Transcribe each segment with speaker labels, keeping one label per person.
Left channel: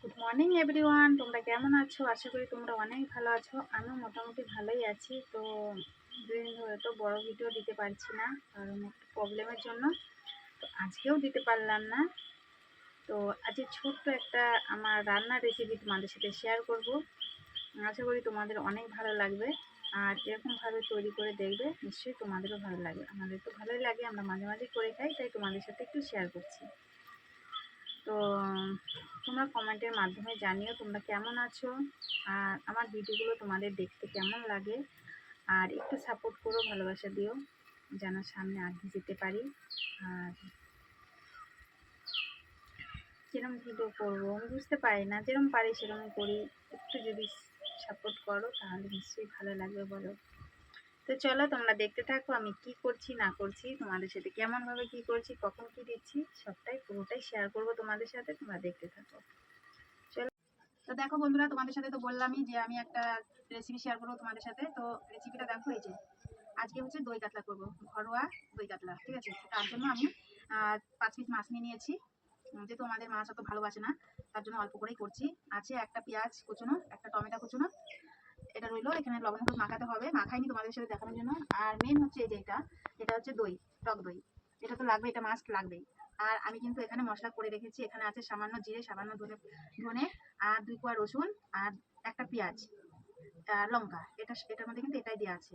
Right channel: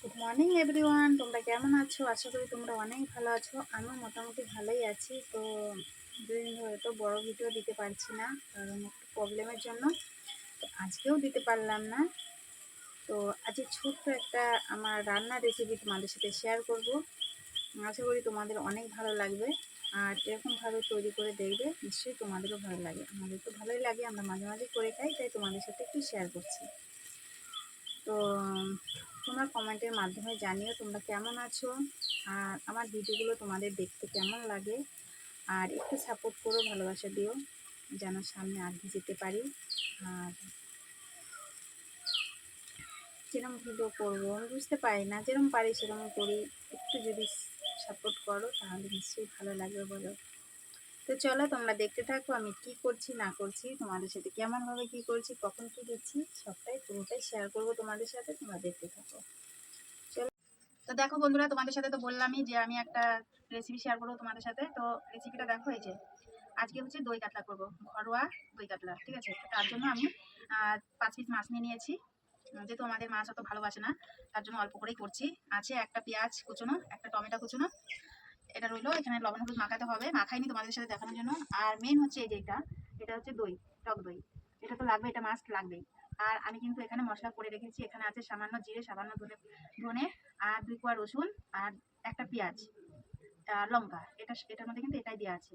Speaker 1: Good morning everyone তোমরা কেমন আছো? আশা করি তোমরা অনেক ভালো আছো। আমিও মোটামুটি ভালোই আছি। তো দুদিন ধরে তো বড় ভিডিও দিতে পারছি না, কারণ একটু প্রবলেমের জন্য। তো আজকেও দিতে পারলাম না। তো আজকে ছোট্ট একটা আমার রান্নার রেসিপি তোমাদের সাথে শেয়ার করব। আশা করি তোমাদের অনেক ভালো লাগবে। আর এরকমভাবে তৈরি করে দেখবে, নিশ্চয়ই তোমাদেরও ভালো লাগে। আমাদের তো ভালোই লাগে, আমরা মাঝে মাঝে করে খাই, তাই তোমাদের সাথে একটু শেয়ার করছি। তো তোমরা কমেন্টের মাধ্যমে জানিও তোমরা কেমন আছো। আর আমার ভিডিওগুলো তোমাদের দেখতে কেমন লাগে। আর একটু সাপোর্ট করো, ভালোবাসা দিও, যেন সামনে আগে যেতে পারি। আর কিরম ভিডিও করব, আমি বুঝতে পারি না যেরকম পারি সেরকম করি। একটু যদি সাপোর্ট করো, তাহলে নিশ্চয়ই ভালো লাগবে বলো। তো চলো তোমরা দেখতে থাকো আমি কি করছি, না করছি, তোমাদের সাথে কেমনভাবে কি করছি, কখন কি দিচ্ছি, সবটাই পুরোটাই শেয়ার করব তোমাদের সাথে, তোমরা দেখতে থাকো। চলো। তো দেখো বন্ধুরা, তোমাদের সাথে তো বললামই যে আমি একটা রেসিপি শেয়ার করব তোমাদের সাথে। তো রেসিপিটা দেখো এই যে, আজকে হচ্ছে দই কাতলা করব, ঘরোয়া দই কাতলা, ঠিক আছে? তার জন্য আমি পাঁচ পিস মাছ নিয়ে নিয়েছি। যেহেতু আমাদের মাছ অত ভালোবাসে না, তার জন্য অল্প করেই করছি। আছে একটা পেঁয়াজ কুচোনো, একটা টমেটো কুচোনো এটা রইল, এখানে লবণ হলুদ মাখাতে হবে। মাখাইনি তোমাদের সাথে দেখানোর জন্য। আর মেন হচ্ছে এই যে এটা এটা হচ্ছে দই, টক দই। এটা তো লাগবে, এটা মাস্ট লাগবেই। আর আমি কিন্তু এখানে মশলা করে রেখেছি, এখানে আছে সামান্য জিরে, সামান্য ধনে ধনে, আর দুই কোয়া রসুন, আর একটা পেঁয়াজ, আর লঙ্কা। এটা এটার মধ্যে কিন্তু এটাই দেওয়া আছে।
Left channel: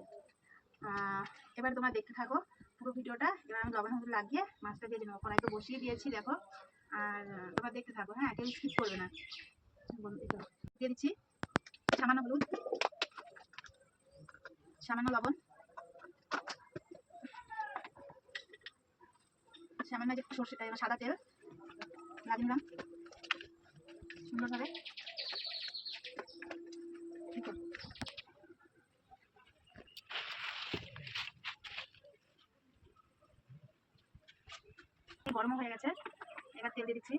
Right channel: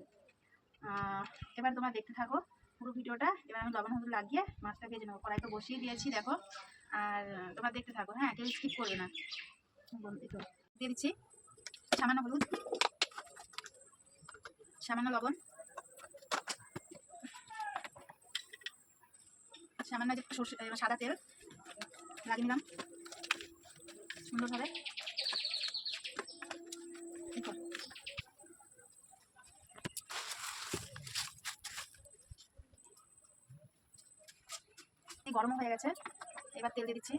Speaker 1: এবার তোমরা দেখতে থাকো পুরো ভিডিওটা। এবার আমি লবণ হলুদ লাগিয়ে মাছটা ভেজে নেব কড়াইতে বসিয়ে দিয়েছি, দেখো। আর তোমরা দেখতে থাকো হ্যাঁ কেউ স্কিপ করবে না। দিয়ে দিচ্ছি সামান্য হলুদ। সামান্য লবণ। সামান্য যে সর্ষে সাদা তেল। লাগিয়ে নিলাম। সুন্দরভাবে। গরম হয়ে গেছে। এবার তেল দিয়ে দিচ্ছি।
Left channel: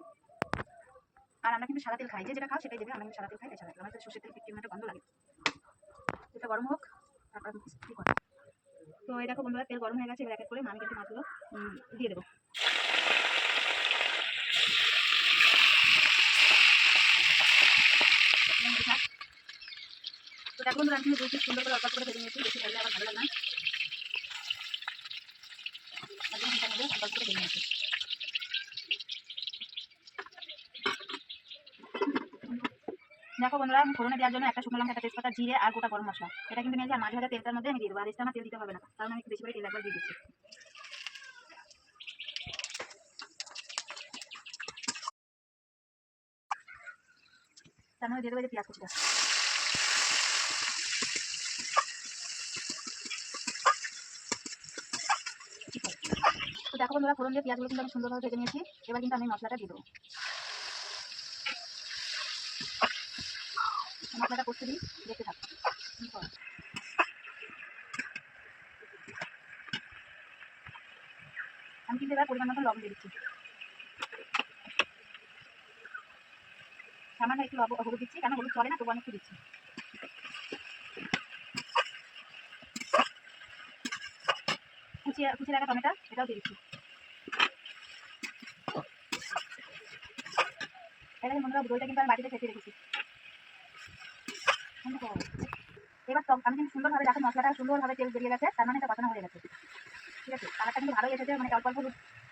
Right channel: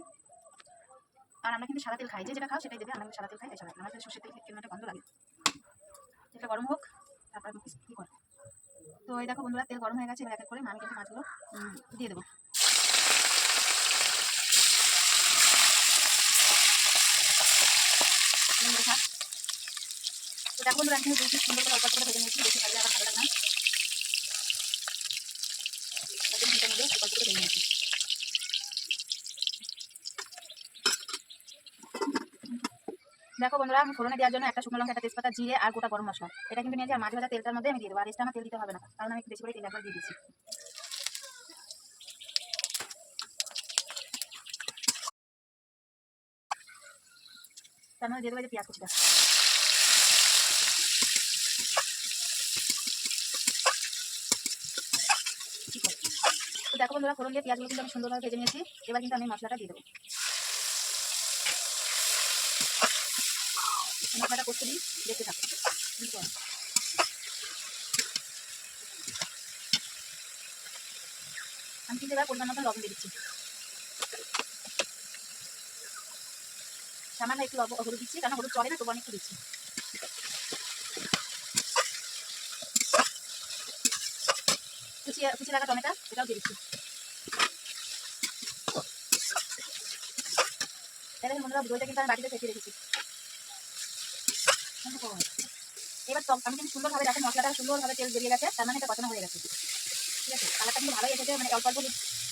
Speaker 1: আর আমরা কিন্তু সাদা তেল খাই। যে যেটা খাও সেটাই দেবে। আমরা সাদা তেল খাই তাই সাদা তেল আমাদের সর্ষের তেল একটা গন্ধ লাগে। তেলটা গরম হোক। তো এই দেখো বন্ধুরা, তেল গরম হয়ে গেছে, এবার এক করে আমি কিন্তু মাছগুলো দিয়ে দেবো। তো দেখো সুন্দর করে অল্প করে ভেজে নিয়েছি, বেশি ভাজলে আমার ভালো লাগে না। অল্প করে ভেজে নিয়েছি। দেখো বন্ধুরা, আমি ফোড়নে দেওয়ার জন্য একটা শুকনো লঙ্কা, একটা তেজপাতা, জিরে আর গোটা গরম মশলা। এটা কিন্তু নিয়েছি আর ভাজা তেলটার মধ্যে আমি দিয়ে দেবো। আর এক্সট্রা আমার তেল দিতে হবে না, কারণ আমি বেশি করে তেল একবার দিয়ে দিচ্ছি দিয়ে দেবো যে পেঁয়াজ কুচিটা। দেখো বন্ধুরা, ফোড়ন দিয়ে পেঁয়াজগুলো কিন্তু আমি সুন্দরভাবে ভেজে নিয়েছি। এবার কিন্তু আমি মশলাটা দিয়ে দেবো। মশলাটা করতে দিই, দেখতে থাকো। আমি কিন্তু এবার পরিমাণ মতো লবণ দিয়ে দিচ্ছি। সামান্য একটু হলুদ দিচ্ছি কারণ হলুদ চলে না, তবু আমি দিচ্ছি। কুচিয়ে কুচি রাখা টমেটো, এটাও দিয়ে দিচ্ছি। এটা হয় দইটা কিন্তু আমি বাটিতে ফেটে রেখেছি। এবার আমি কিন্তু সুন্দরভাবে দেখো, মশলাটা সুন্দরভাবে তেল বেরিয়ে গেছে, তার মানে এটা কষানো হয়ে গেছে। ঠিক আছে? কালারটা কিন্তু ভালোই এসেছে মানে অল্প অল্প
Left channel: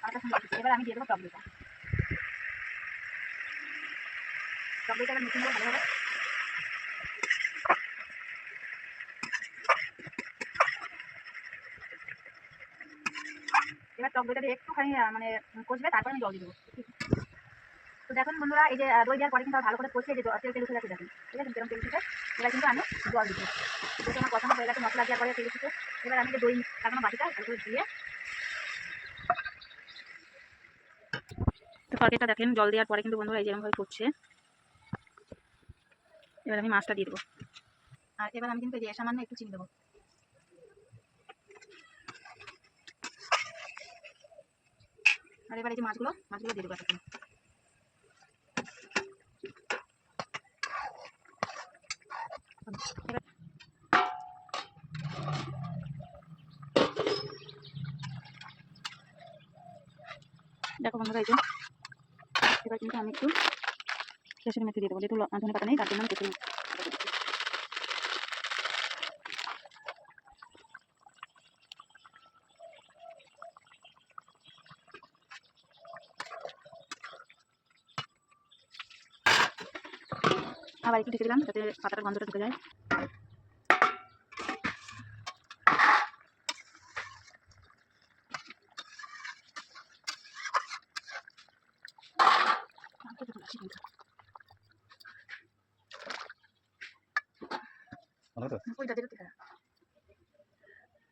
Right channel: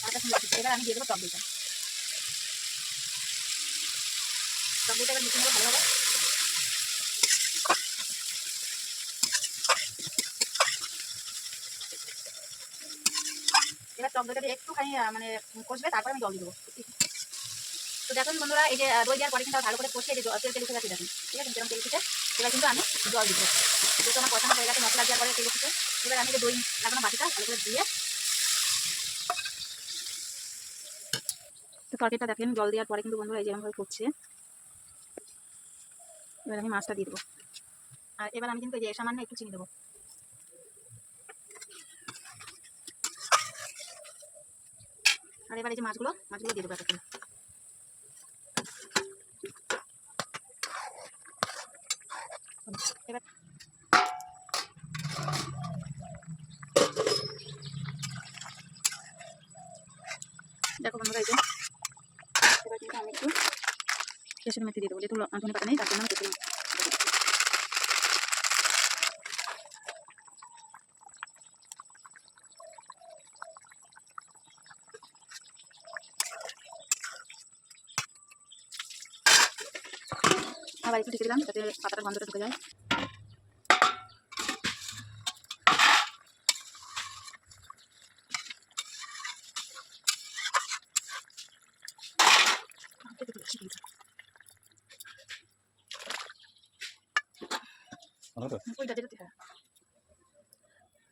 Speaker 1: কালারটা সুন্দর। এবার আমি দিয়ে দেবো টক টক দইটা একটুখানি মানে কষবে, তারপর আমি জল দিয়ে দেবো। তো দেখুন বন্ধুরা, এই যে দই দেওয়ার পরে কিন্তু ভালো করে কষিয়ে যে তেল তেল উঠে যাচ্ছে দেখুন। ঠিক আছে? তেল উঠেছে এবার কিন্তু আমি জল দিব যেহেতু আমার কষানো হয়ে গেছে, মশলা দেওয়ার পরে তেল এবার আমি যে দই লাগানো বাটিটা ভালো করে দিয়ে তো তরকারিটা দেখেন, জল দেওয়ার পরে কিন্তু বন্ধুরা এই যেরকমভাবে ফুটছে এবার আমি মাছটা দিয়ে দেবো। আর এবার আমি কিন্তু এই যে সামান্য একটু চিনি দেবো। আর এবার এই যে মাছগুলো মাছগুলো দিয়ে দেবো এতক্ষণ এবার দেখো বন্ধুরা, এই যে। এবার কিন্তু আমি একটু কেশরি মেথি দিয়ে দেবো। যেহেতু ধনে পাতা নেই, তার জন্য আমি কেশরি আবার একটু ঢেকে দিলাম যাতে পাতাটার গন্ধটা ঢুকে যায়।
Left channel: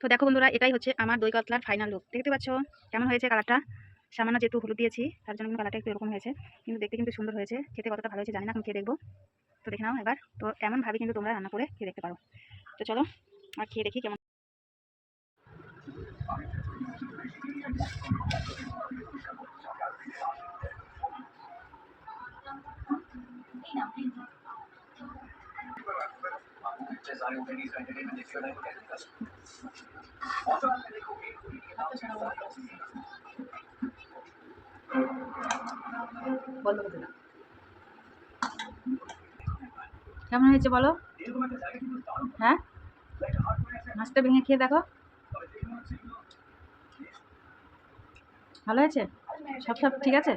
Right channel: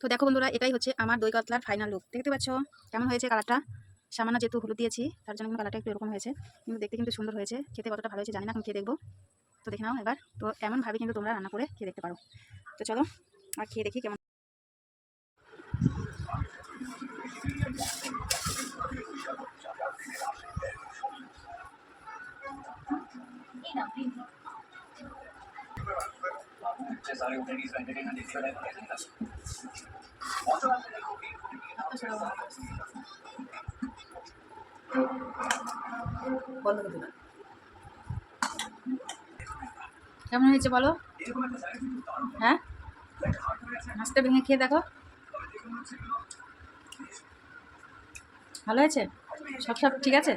Speaker 2: তো?
Speaker 1: দেখা। বন্ধুরা এটাই হচ্ছে আমার দই কাতলার ফাইনাল লুক দেখতে পাচ্ছ? কেমন হয়েছে কালারটা সামান্য যেহেতু হলুদ দিয়েছি তার জন্য কালারটা একটু এরকম হয়েছে। কিন্তু দেখতে কিন্তু সুন্দর হয়েছে। খেতে কতটা ভালো হয়েছে জানি না এখন খেয়ে দেখব। তো দেখে নাও এবার। তো এমনভাবে কিন্তু তোমরা রান্না করে খেয়ে দেখতে পারো। তো চলো, আর খেয়ে দেখি কেমন।
Speaker 3: বন্ধ করতে না
Speaker 1: কেমন হয়েছে বলো? হ্যাঁ? মাছটা ভেঙে খেয়ে দেখো। ভালো হয়েছে? সব সব ঠিক আছে?